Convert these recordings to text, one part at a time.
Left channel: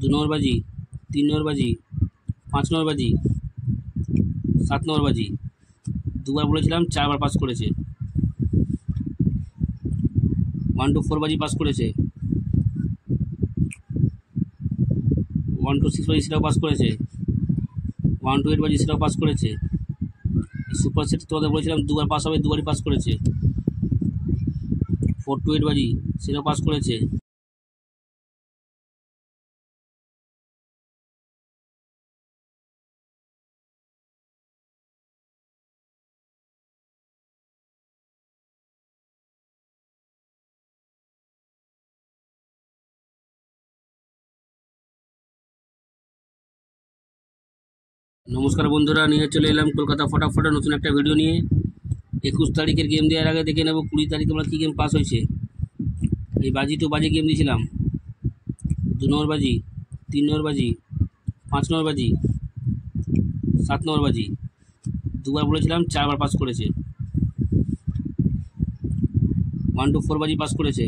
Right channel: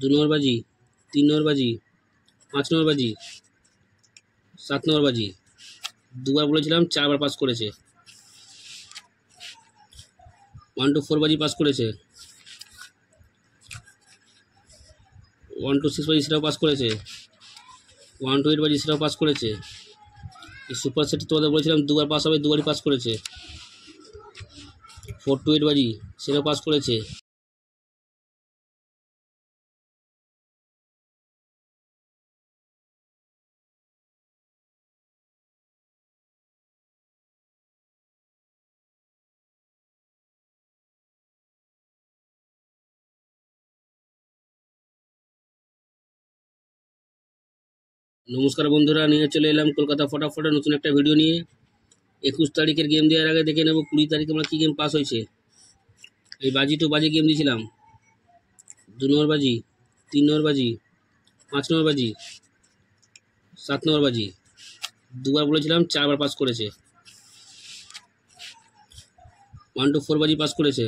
2 নম্বর বাজি, 3 নম্বর বাজি, 5 নম্বর বাজি, 7 নম্বর বাজি। দুবার বলেছিলাম, 4 বার পাস করেছে। 1 to 4 বাজি পাস করেছে। 1 to 6 বাজি সেটাও পাস করেছে। 1 to 8 বাজি সেটাও পাস করেছে। এই সুপার সেট তোমাদের বলেছিলাম দুবার পাস হবে, দুবারই পাস করেছে। 4 to 8 বাজি সেটাও পাস করেছে। নমস্কার বন্ধুরা, নিয়ে চলে এলাম কলকাতা ফটাফটের নতুন একটা ভিডিও নিয়ে। 21 তারিখের গেম দেওয়ার আগে দেখে নেব 20 তারিখে আমরা কী গেম পাস হয়েছে। এই বাজি টু বাজি গেম দিয়েছিলাম। 2 নম্বর বাজি, 3 নম্বর বাজি, 5 নম্বর বাজি, 7 নম্বর বাজি। দুবার বলেছিলাম, 4 বার পাস করেছে। 1 to 4 বাজি পাস করেছে।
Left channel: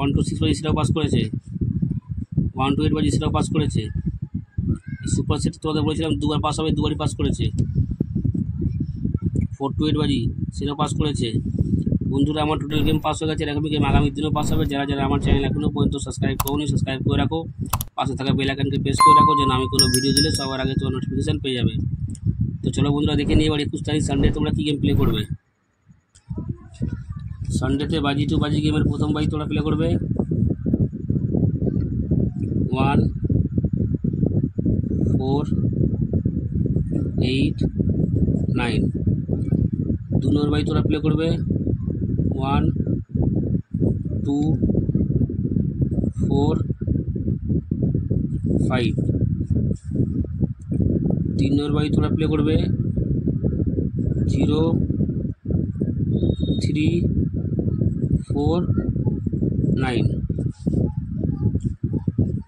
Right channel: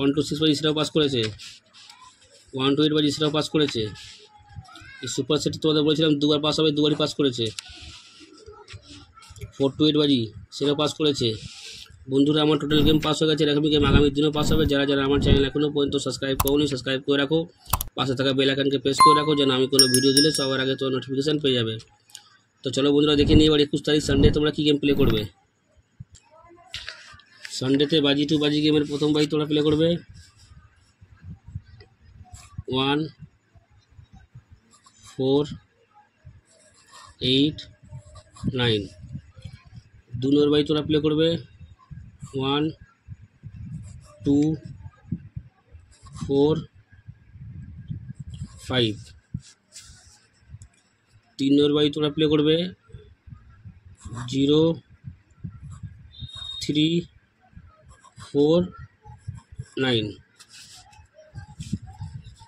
1 to 6 বাজি সেটাও পাস করেছে। 1 to 8 বাজি সেটাও পাস করেছে। এই সুপার সেট তোমাদের বলেছিলাম দুবার পাস হবে, দুবারই পাস করেছে। 4 to 8 বাজি সেটাও পাস করেছে। বন্ধুরা, আমার টোটাল গেম পাস হয়ে গেছে। এরকমই গেম আগামী দিনেও পাস হবে। যারা যারা আমার চ্যানেল এখনও পর্যন্ত সাবস্ক্রাইব করোনি, সাবস্ক্রাইব করে রাখো। পাশে থাকা বেল আইকনকে প্রেস করে রাখো, যেন আমি কোনো ভিডিও দিলে সবার আগে তোমার নোটিফিকেশান পেয়ে যাবে। তো চলো বন্ধুরা, দেখে নিই এবার 21 তারিখ সানডে তোমরা কী গেম প্লে করবে। সানডেতে বাজি টু বাজি গেমের প্রথম বাজি তোমরা প্লে করবে 1 4 8 9। 2 নম্বর বাজি তোমরা প্লে করবে 1 2 4 5। 3 নম্বর বাজি তোমরা প্লে করবে 0 3 4 9।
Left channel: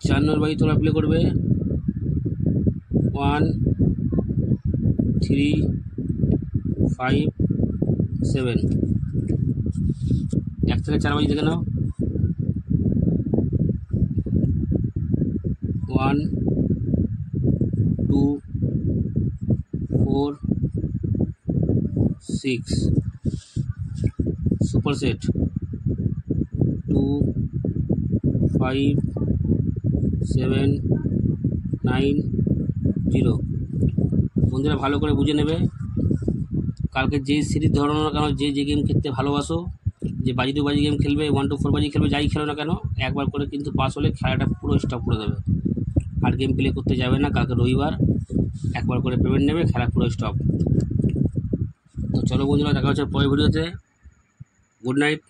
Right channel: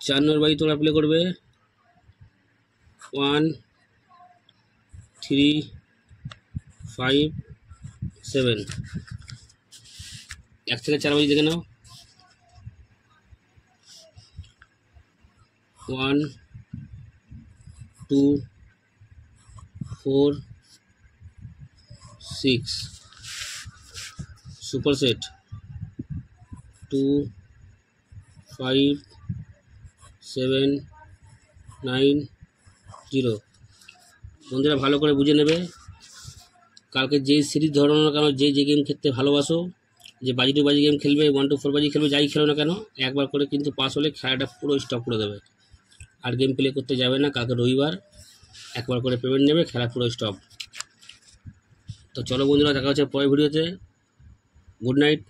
4 নম্বর বাজি তোমরা প্লে করবে 1 3 5 7। 1 থেকে 4 বাজি দেখে নাও। 1 2 4 6। Super set 2 5 7 9 0। বন্ধুরা, ভালো করে বুঝে নেবে। কালকে যে সিরিজ ধরো না কেন, যে গেম খেলতে ভালোবাসো, যে বাজি টু বাজি গেম খেলবে, 1 to 4 বাজি খেলবে, যাই খেলো না কেন, একবার করে কিন্তু পাস হলে খেলাটা পুরো স্টপ করে দেবে। আর গেম প্লে করতে যাবে না। কালকে রবিবার, একবার করে পেমেন্ট নেবে, খেলা পুরো স্টপ। তো চলো বন্ধুরা, দেখা হচ্ছে পরের ভিডিওতে। Good night.